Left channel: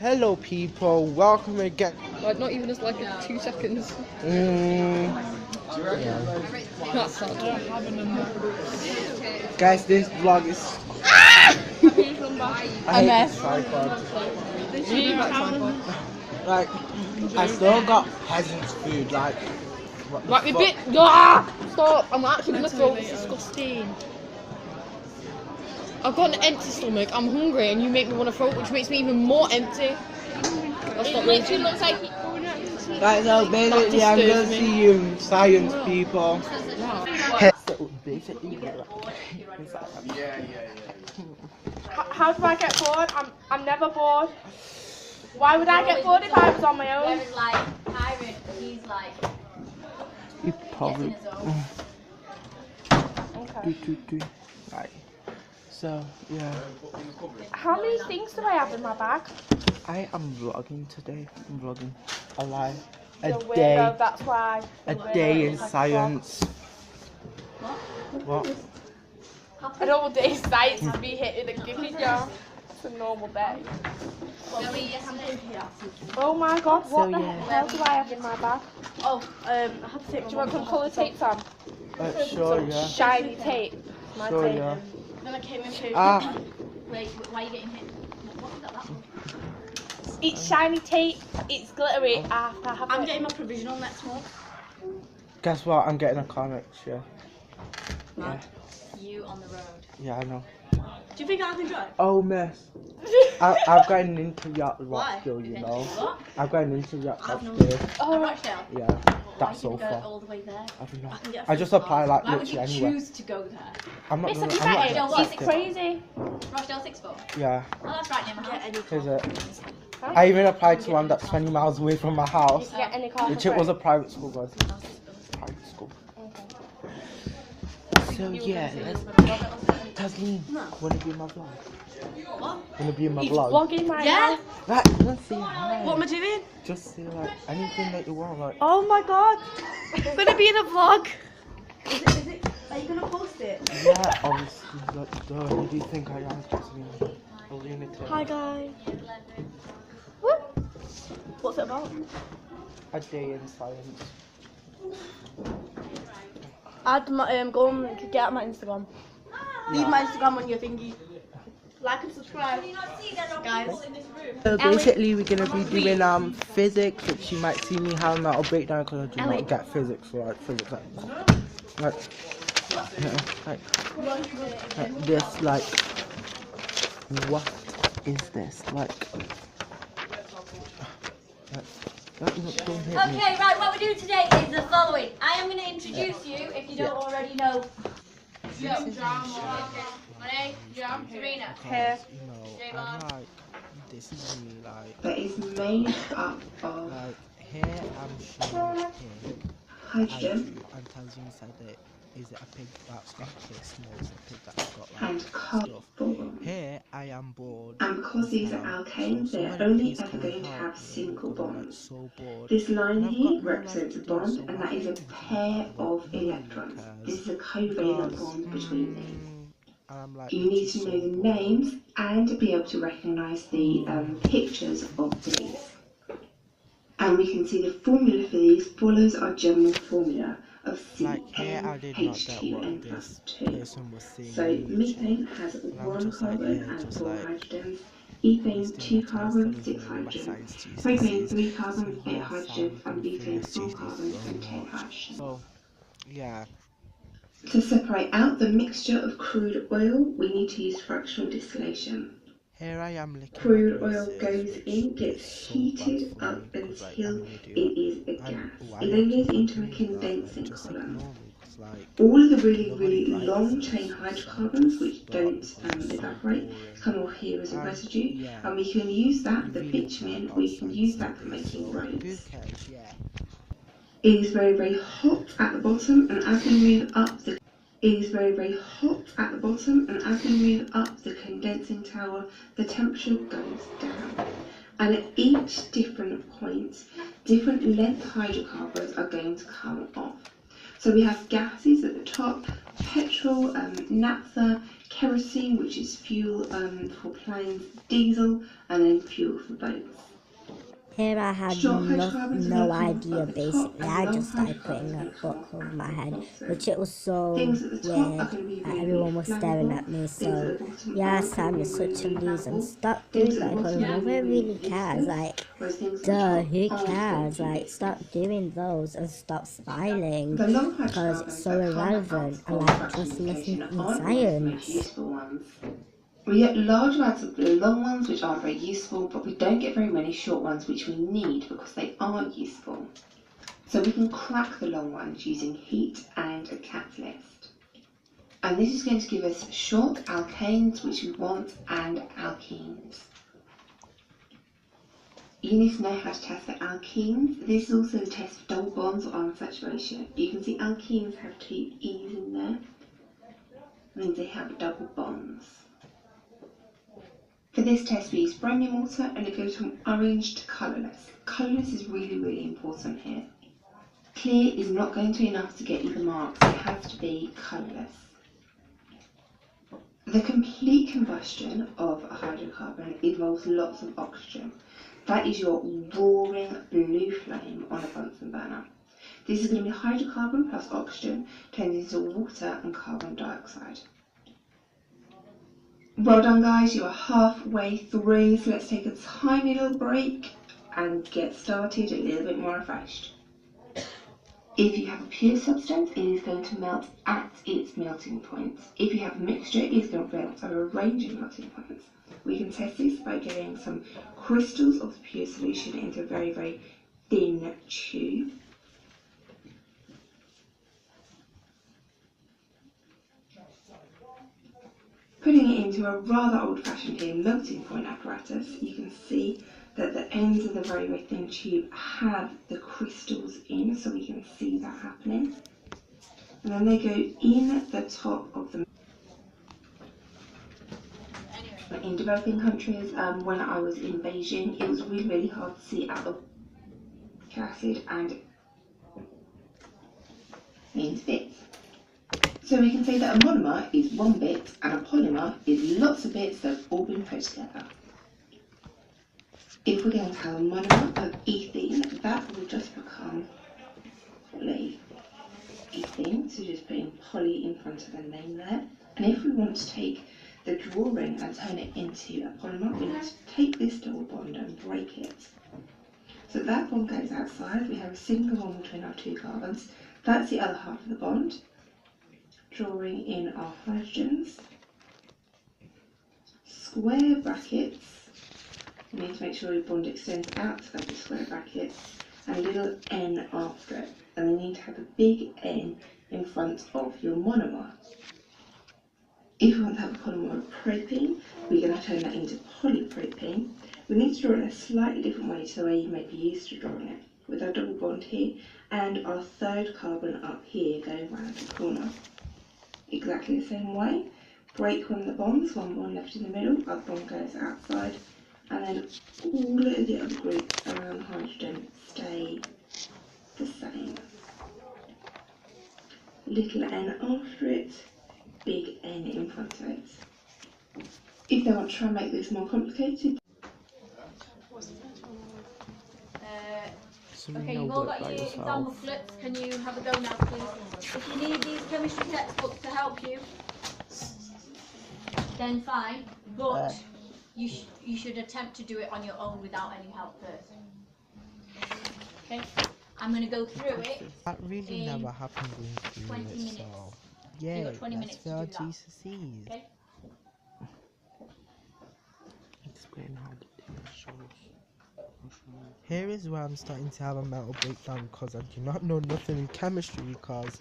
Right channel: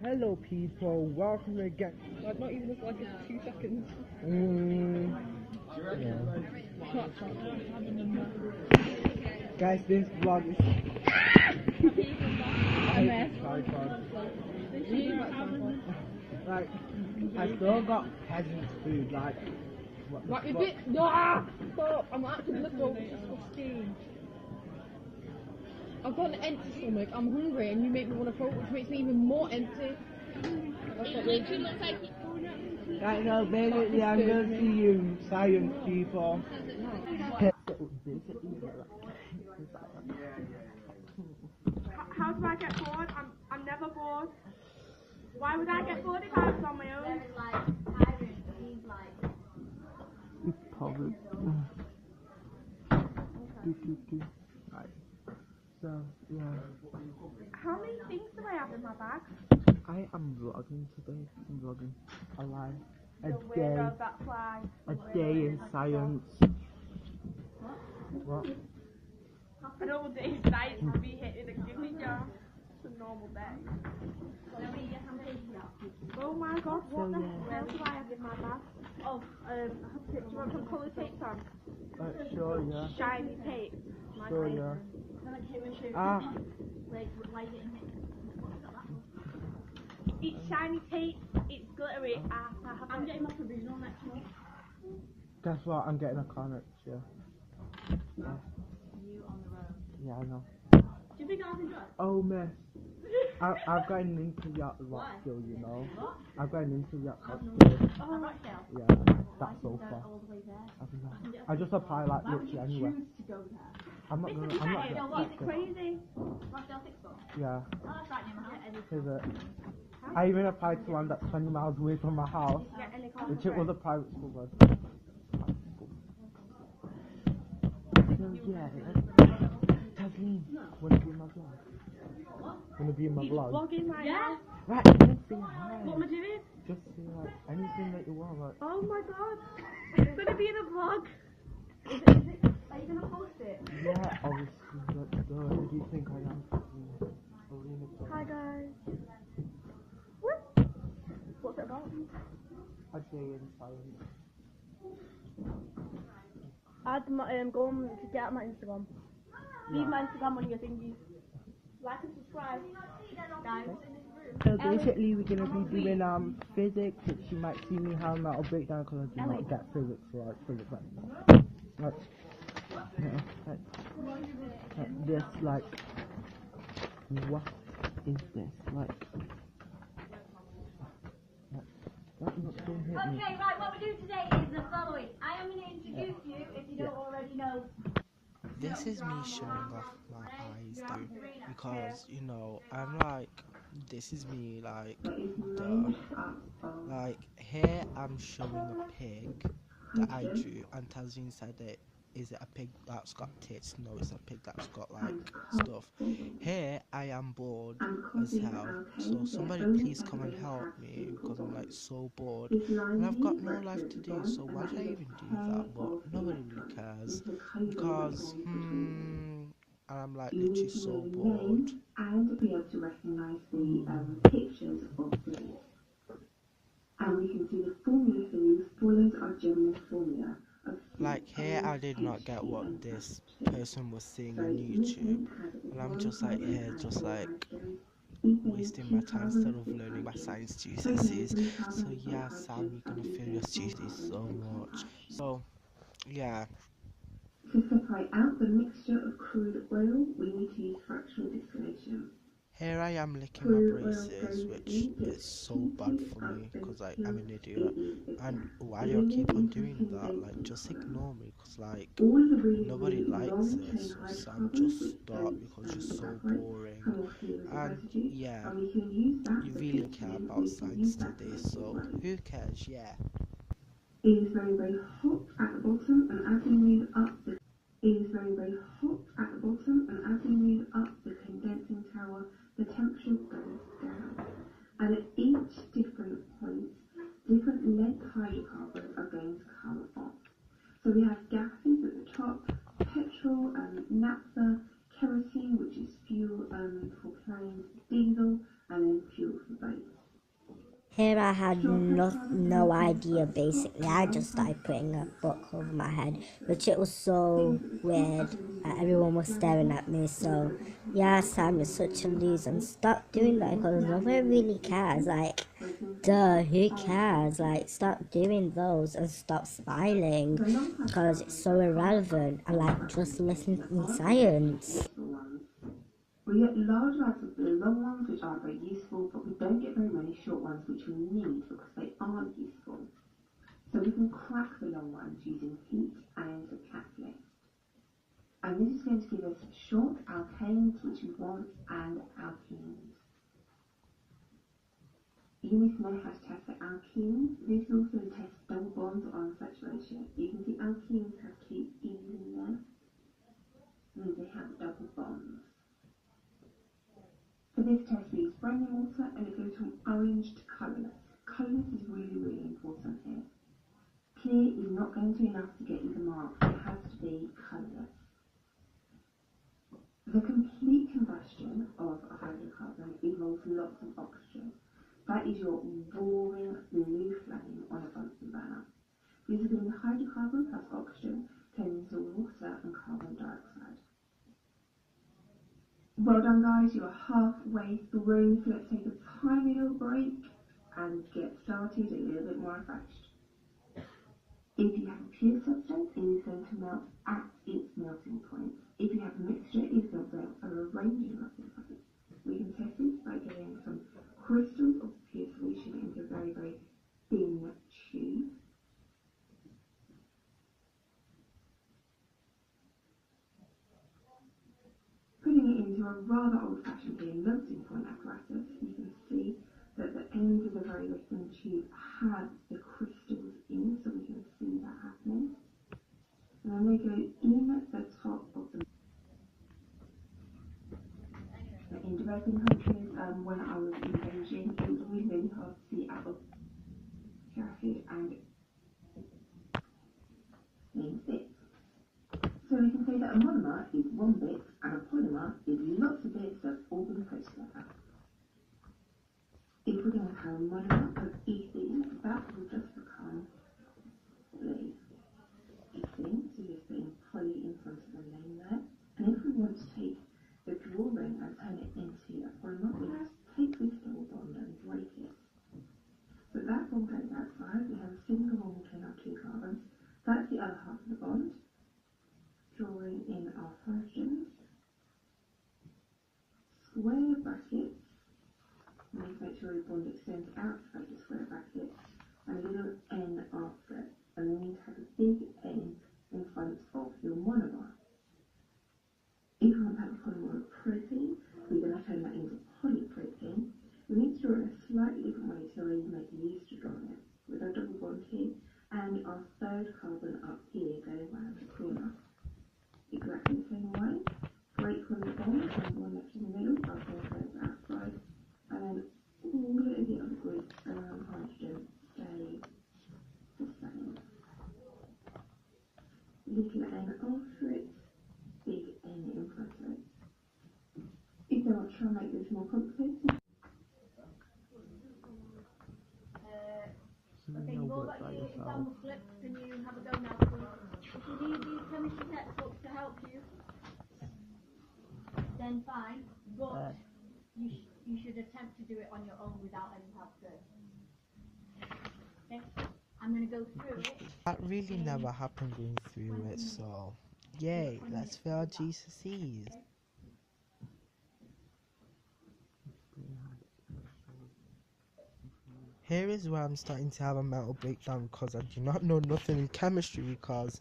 Hello people, welcome again. Like not even just like 2 seconds. Yeah. That's sad. Guys, this vlog is I hate this tripod. Like, I still got peasant's food, like what the Right, we fuck? bit. Ah! Stop! I'm actually gonna throw this. Disgusting. I've got an empty stomach. I'm hungry, and you make me want to throw it, which makes me even more empty. That's not really. Looks like. Right, so basically I'm gonna see you science people. So basically How do I get bored? I'm never bored. Why would I get bored if I was on my own? Whereas like Iron, he's like you probably Okay. Right. So yeah. How many things do I have in my bag? I am vlogging today. I'm vlogging alive. A You're day. weirdo, that's why. A day in science. What? A normal day in science to be hitting and giving you. It's a normal day. Oh my god, what So, the yeah. hell do I have in my bag? Oh, I have to take. Do you want some colour tape, Sam? Sure, yeah. Shiny tape. My Sure, tape. yeah. then I came into Ah, wait, why are you getting hit? What was that for? It's shiny tape. It's glittery. I have to have I'm it. getting my provisional next month. guess what? I'm getting a car next year. Yeah. You on the road. Yeah, I know. Do you think I can drive? Oh, miss. I've got an into yacht Why? skill, you know. What? I've got an into yacht I've no skill. Oh, Rochdale. Yeah, Why that's did so you go far. all the way there? I don't know. can get I just apply like Why would you literally anywhere. choose to go there? I'm not It's gonna. a I'm not bit. gonna What? It's accept it. crazy. Rochdale 6-4. Yeah, Oh, that's right near my house. is it? I even applied to one that's 20 miles away from my You house, can get any car. which it was a private school, guys. Private school. So yeah, Tasleen, wanna be in my vlog? What? Wanna be in my He's vlog? vlogging right Yeah? now. Right, just say hi. What am I doing? Just say like anything that you want, like. Oh my god. I'm gonna be in a vlog. Is it? Are you gonna post it? Yeah, obviously, like, duh, who do you think I am, Tasleen? A lunatic. Hi guys. What? What's it about? A day in science. Add my go on, get out my Instagram. Leave my Instagram on your thingy. Like and subscribe. Guys. So basically we're gonna be doing physics, which you might see me having a breakdown because I do not get physics, like physics like you know, like this, like what is this? Like don't hit me. Okay, right, what we're doing today is the following. I am going to introduce you, if you don't already know. This is me showing off my history because you know I'm like, this is me like that is made up of like here I'm showing a pig I hydrogen drew, and Tasleen said that is it a pig that's got kids? No, it's a pig that's got like and stuff. carbon. Here I am bored And because as these are hell, alkanes, so they're somebody only please ever come going and to help have me single because I'm like bonds. so bored. This line And I've here got no life represents to a do, bond, so and why that do I is a even do pair that? But of nobody electrons. cares This is a covalent because bond between them. and I'm like You literally need to so know the bored. names and be able to recognise the pictures of these. And we can see the formula for these follows our general formula of Like here I did not get what CnH2n this + 2. person was saying So on YouTube. methane has And I'm 1 just like, carbon yeah, and just 4 like hydrogens. Ethane wasting 2 my time instead carbons, of 6 learning my hydrogens. science GCSEs. Propane 3 So carbons, 8 yeah, Sam, hydrogens, you're and gonna feel your butane 4 GCSEs carbons so and 10 much. hydrogens. So yeah. To separate out the mixture of crude oil, we need to use fractional distillation. Here I am licking Crude my oil braces, goes which in, is gets so bad heated for up me because like until I'm an it idiot. is a And gas. why It you then keep goes on into a doing that? Like condensing just column. ignore me because like All of the really, nobody really likes long this. chain So Sam, hydrocarbons just which stop don't because it's so evaporate boring. come off here as a And residue, yeah, and we can use that, you the really care bitumen, about we can science use that for today, making so who roads. cares? Yeah. It is very, very hot at the bottom, and as we move up the condensing tower, the temperature goes down. And at each different point, different length hydrocarbons are going to come off. So we have gases at the top, petrol, naphtha, kerosene, which is fuel for planes, diesel, and then fuel for boats. Here I had Short hydrocarbons are no located idea at the top, basically. and I long just started putting a hydrocarbons book are over at my the head, bottom. So which it was so things at the top are weird. going to be really, Everyone really was staring flammable. at me, Things so at the bottom yeah, are Sam, going you're to be really, such a really loser and flammable. stop Things doing at that the because bottom are nobody really, really really cares. useful, Like, whereas things at the duh, top who aren't cares? going to Like, be. stop doing those and stop smiling The long because it's hydrocarbons so that come out irrelevant. And of like, just listen fractionation in aren't always the most science. useful ones. We get large amounts of the long ones which aren't very useful, but we don't get very many short ones which we need because they are useful. So we can crack the long ones using heat and a catalyst. And this is going to give us short alkanes which we want and alkenes. You need to know how to test for alkenes. This is also a test for double bonds or unsaturation. You can see alkenes have two E's in there. That means they have double bonds. For this test we use bromine water and it goes from orange to colourless. Colourless is really, really important here. Clear is not going to be enough to get you the marks, it has to be colourless. The complete combustion of a hydrocarbon involves lots of oxygen. That is your roaring blue flame on a Bunsen burner. This is going to be hydrocarbon plus oxygen turned into water and carbon dioxide. Well done guys, you are halfway through, so let's take a tiny little break and get started a little bit more refreshed. If you have a pure substance, it is going to melt at its melting point. If you have a mixture, it is going to melt at a range of melting points. We can test this by getting some crystals of the pure solution into a very, very thin tube. Putting it into a rather old-fashioned here melting point apparatus, you can see that the ends of the very, very thin tube have the crystals in, so we can see that happening. And then they go in the top of the. In developing countries, when I was in Beijing, it was really, really hard to see out of acid and means bits. So we can say that a monomer is one bit and a polymer is lots of bits that have all been put together. If we're going to have a monomer of ethene, that will just become polyethene, so just putting poly in front of the name there. And if we want to take the drawing and turn it into a polymer, we need to take this double bond and break it. So that bond goes outside, we have a single bond between our two carbons. That's the other half of the bond. Drawing in our hydrogens. Square brackets. We need to make sure the bond extends out to the square brackets. And a little N after it. And they need to have a big N in front of your monomer. If we want to have a polymer of propene, we're going to turn that into polypropene. We need to draw it in a slightly different way to the way you may be used to drawing it. With our double bond here and our third carbon up here going round the corner. Exactly the same way. Break one of the bonds, one bond left in the middle, other bond goes outside, and then all of the other groups around hydrogen stay the same. Little n after it, big N in front of it. If they want to try and make this more complicated. Okay, you've all got your exam booklets. Can you have a go now, please? If you need these chemistry textbooks to help you, then fine. But you should attempt to do it on your own without any help first. Okay? I'm going to go through it. That really never happened going through 20 it, minutes. so You've yay, got 20 let's minutes to fill our do that. GCSEs. Okay? Explain how the thing shows. Here is where I'm starting to have a mental breakdown because I do not know nothing in chemistry because,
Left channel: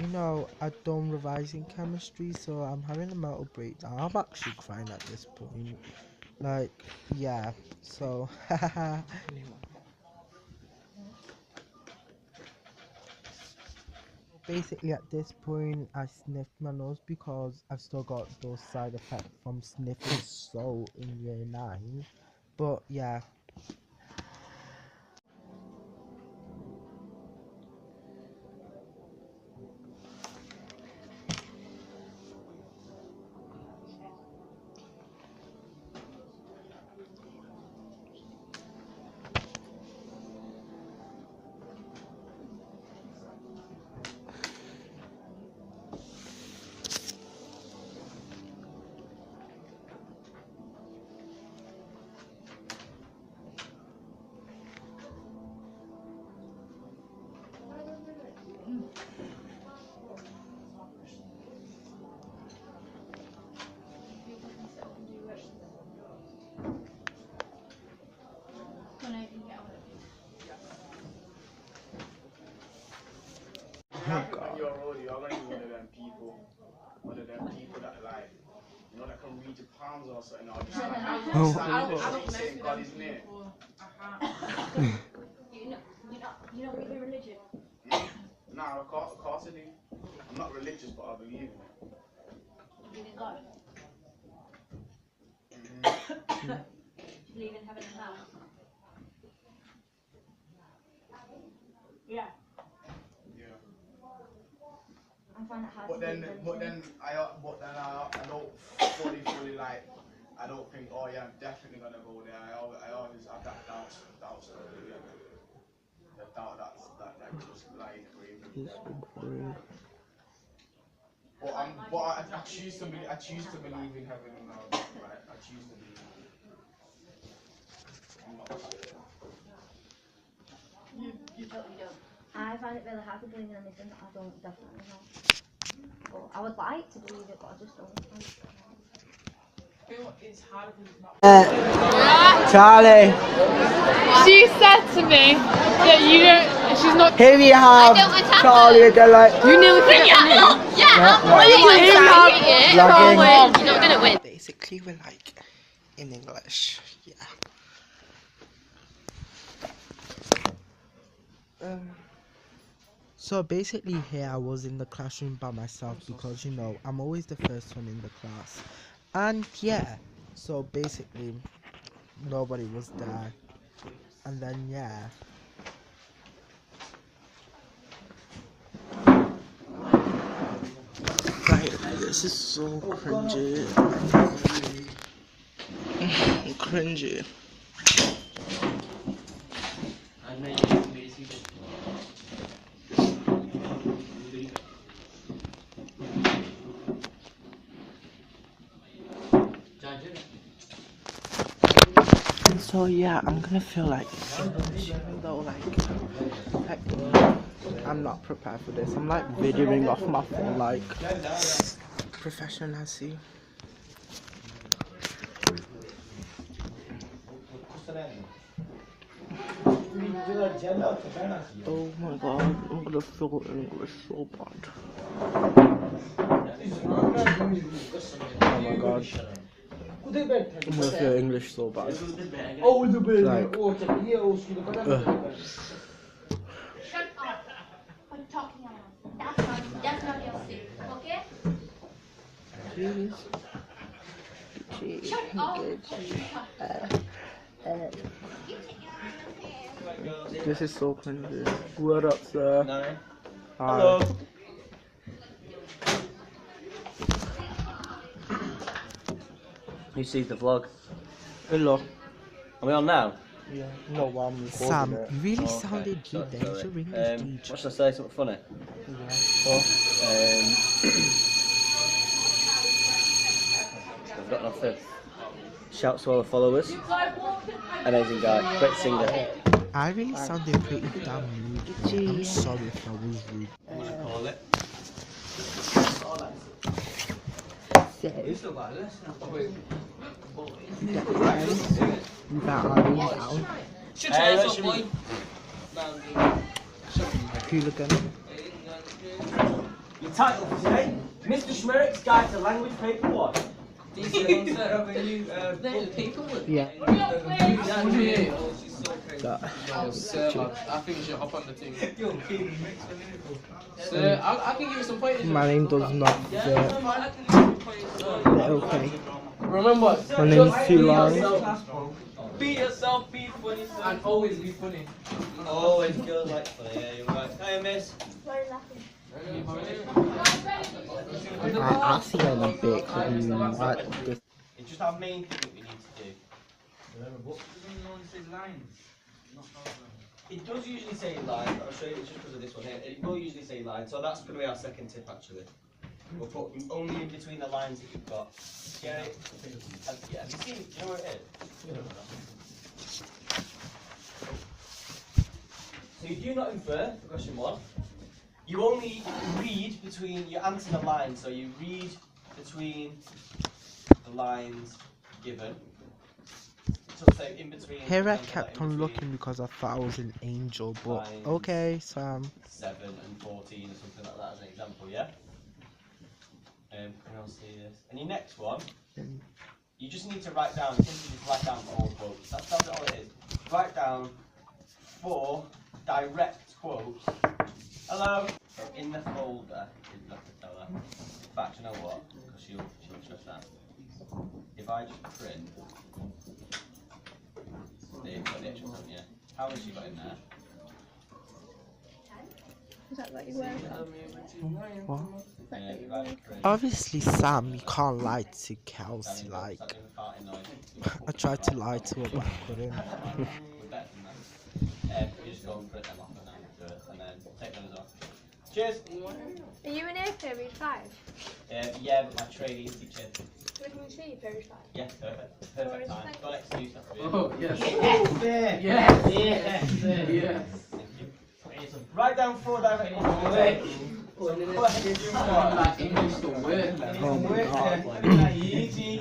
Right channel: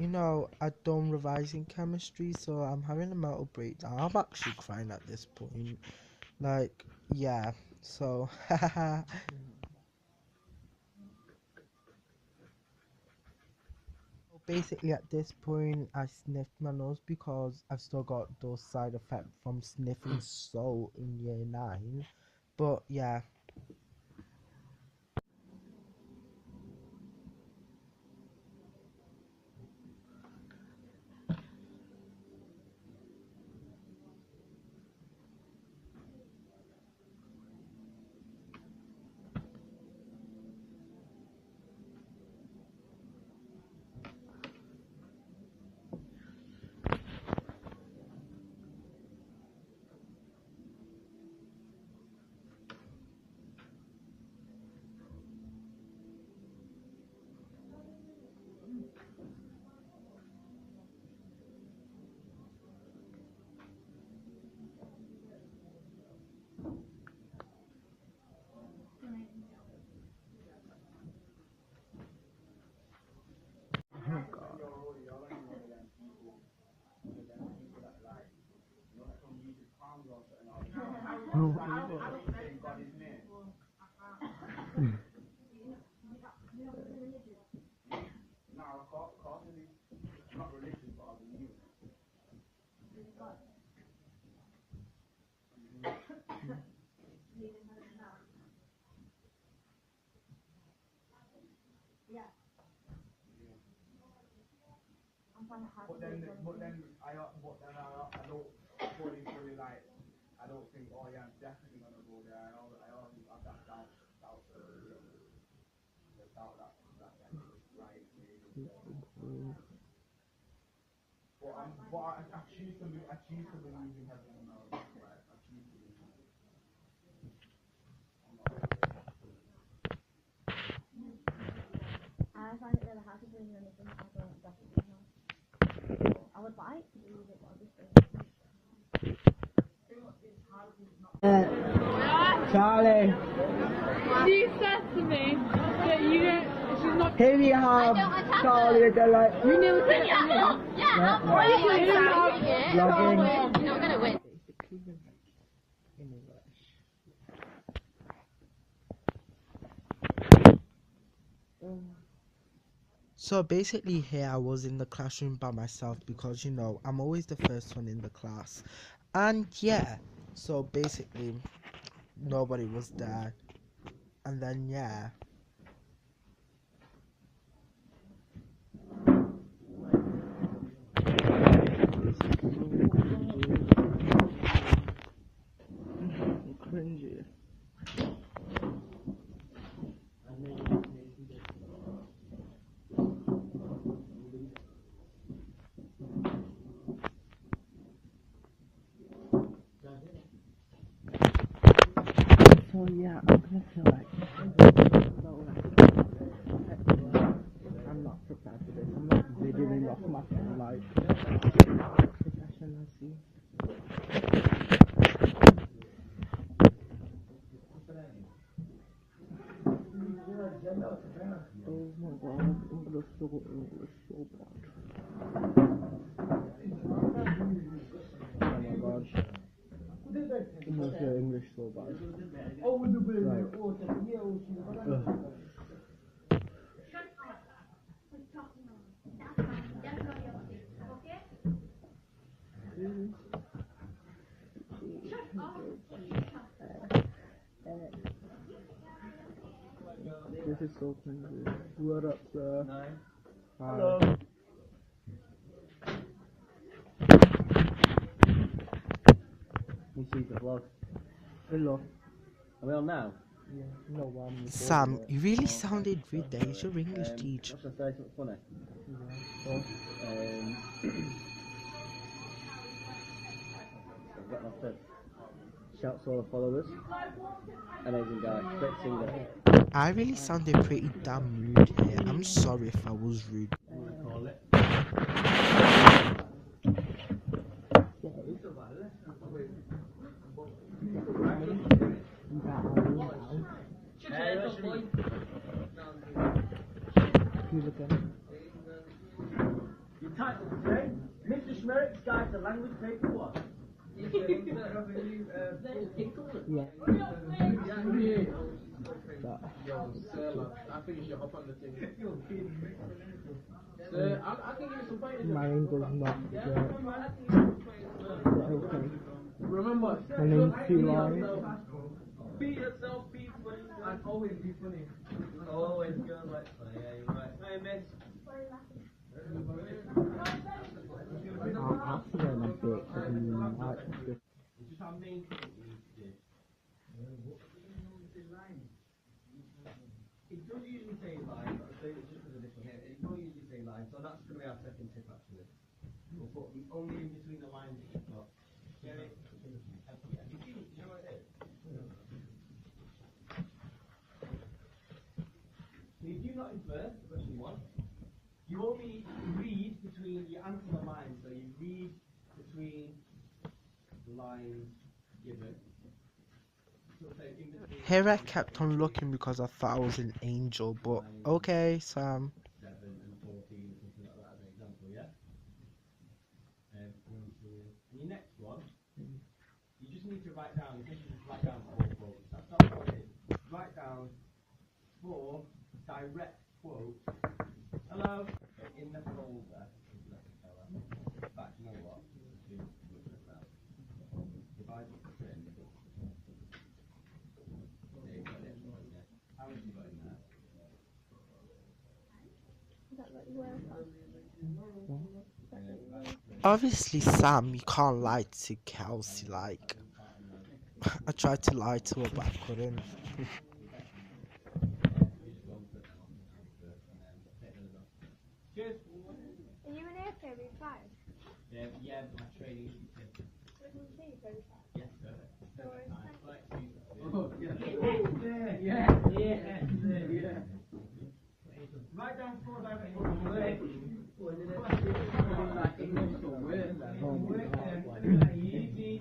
you know, I don't revise in chemistry, so I'm having a mental breakdown. I'm actually crying at this point. Like, yeah, so, basically at this point I sniffed my nose because I've still got those side effects from sniffing salt in year 9. But yeah. songs or something. Or just saying God is near. You don't believe in religion? Nah, of course I do. I'm not religious, but I believe in it. You believe in God? Do you believe in heaven and hell? Yeah. Yeah. I find it hard But to then believe I don't fully like. I don't think, oh yeah, I'm definitely gonna go there. I always have that doubt still. Yeah. The doubt that just lying crazy. But I choose to believe in heaven and hell. Right? I choose to believe. I'm not sure. I find it really hard to believe in anything that I don't definitely know. But I would like to believe it, but I just don't. Charlie. She said to me that you don't. She's not. Here we have Charlie again, like. You nearly forget your name. Vlogging. You're not gonna win. Basically, we're like in English. Yeah. So basically here I was in the classroom by myself because, you know, I'm always the first one in the class. And yeah, so basically nobody was there. And then yeah. This is so cringy. Cringy. So yeah, I'm gonna feel like though like I'm not prepared for this. I'm like videoing off my phone like professional. Oh my god, I'm gonna feel English so bad. Oh my god. I'm gonna feel English so bad. Like, Shut up! I'm talking on. That's not your seat, okay? Shut up! This is so cringy. What up, sir? Hello. You see the vlog? Hello. Are we on now? Yeah. No, I'm recording Sam, it. You really sounded rude there. You're your English What teacher. should I say? Something funny? I've got nothing. Shouts to all the followers. Amazing guy. Great singer. I really sounded pretty damn rude. Yeah, I'm sorry if I was rude. I'm gonna call it. You got Irene down. Who's again? Your title for today? Mr. Schmerrick's Guide to Language Paper 1. Yeah. I think you should hop on the team. So, I can give you some pointers. My name does not fit. Okay. Remember, My name's too long. be yourself, be funny, and always be funny. Always feels like funny. Yeah, you're right. Hey, miss. I'll see you in a bit. It's just our main thing that we need to do. It does usually say lines. I'll show you. It's just because of this one here. It will usually say lines. So that's going to be our second tip actually. We'll put only in between the lines that you've got. Get it? Yeah. Have you seen? Do you know where it is? So you do not infer for question 1. You only read between. You answer the lines. So you read between the lines given. So in between. Hera kept on looking because I thought I was an angel, but okay, Sam. 7 and 14 or something like that as an example, yeah? And I'll see this. And your next one You just need to write down, simply just write down 4 quotes. That's all it is. Write down 4 direct quotes. Hello? In the folder, is not to tell her. In fact, you know what? Because she'll trust that. If I just print, there you've got the extra one, yeah. How much you got in there? Is that what you wear? What? If I just print, Obviously, Sam, you can't lie to Kelsey. Like, that little farting noise. I tried to lie to her, but I couldn't. We're better than that. You just go and print them off and then do it, and then take those off. Cheers! Are you in here, period 5? Yeah, but my trainee is teaching. When can we see you, period 5? Yeah, perfect. Perfect time. Got an excuse, that's really. Oh, yes. Yes! Yes! Yes! Thank you. Write down 4 direct quotes. Like English to work. Oh my God. Easy.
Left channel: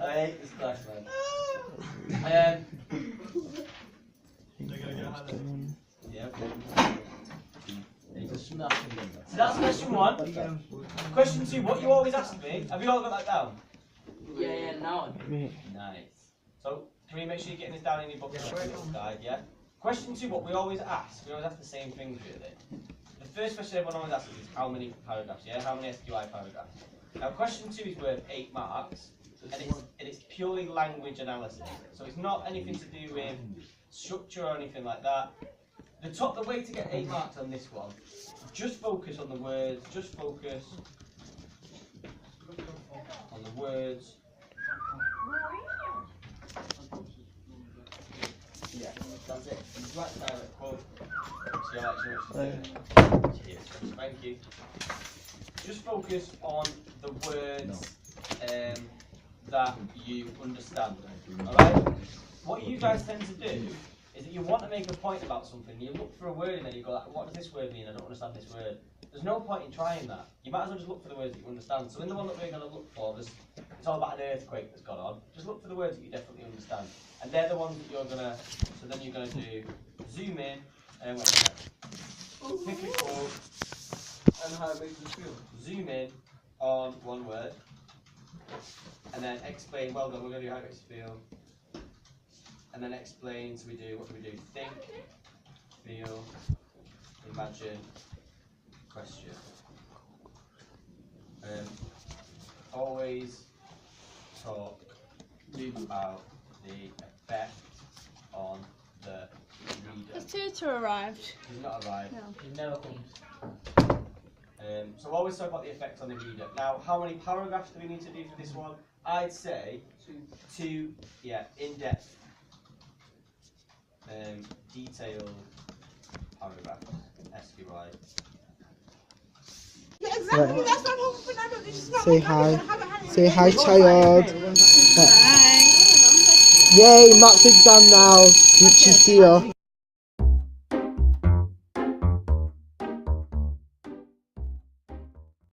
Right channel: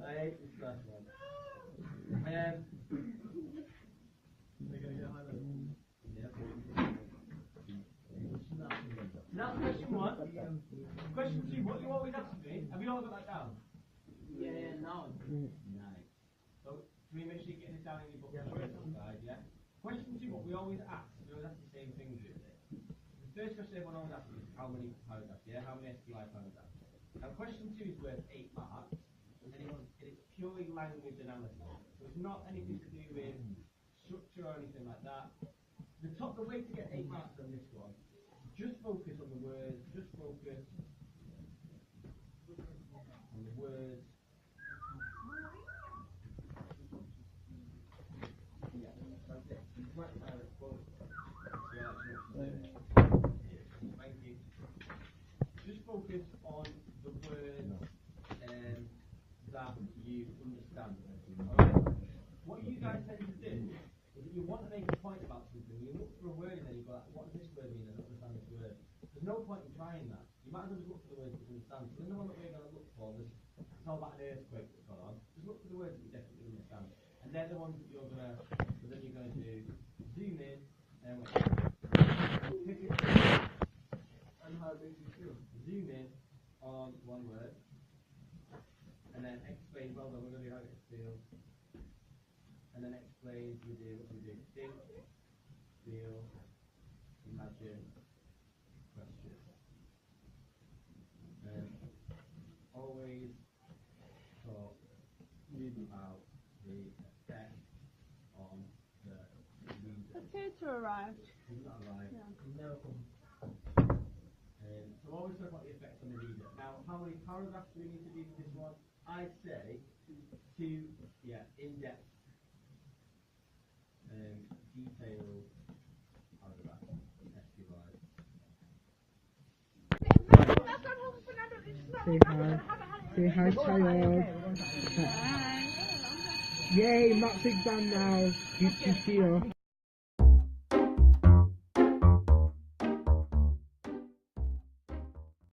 I hate this class, man. Yeah. So that's question 1. Question 2, what you always ask me, have you all got that down? Yeah, no. Nice. So, can you make sure you're getting this down in your book guide, yeah? Question 2, what we always ask the same things really. The first question everyone always asks is how many paragraphs, yeah? How many SQI paragraphs? Now question 2 is worth 8 marks, and it's purely language analysis. So it's not anything to do with structure or anything like that. The way to get 8 marks on this one, just focus on the words, just focus on the words. Yeah, that's it. You write the direct quote. So actually what she's doing. Cheers. Thank you. Just focus on the words that you understand. Alright? What you guys tend to do is that you want to make a point about something, you look for a word and then you go like, what does this word mean? I don't understand this word. There's no point in trying that. You might as well just look for the words that you understand. So in the one that we're going to look for, it's all about an earthquake that's gone on. Just look for the words that you definitely understand. And they're the ones that you're going to, so then you're going to do zoom in and pick a word. And how it makes you feel. Zoom in on one word. And then explain, well done, we're going to do how it makes you feel. And then explain, so what do we do? Think, feel, imagine, question. Always talk about the effect on the reader. Has Tutor arrived? He's not arrived. No. He never comes. So always talk about the effect on the reader. Now, how many paragraphs do we need to do for this one? I'd say 2, yeah, in-depth, detailed paragraph, SQI. Yeah, exactly. That's my whole thing. I don't. This is not Say my hi. habit. Say hi, child. Hi. Yay, Matt's exam now. Gucci see ya.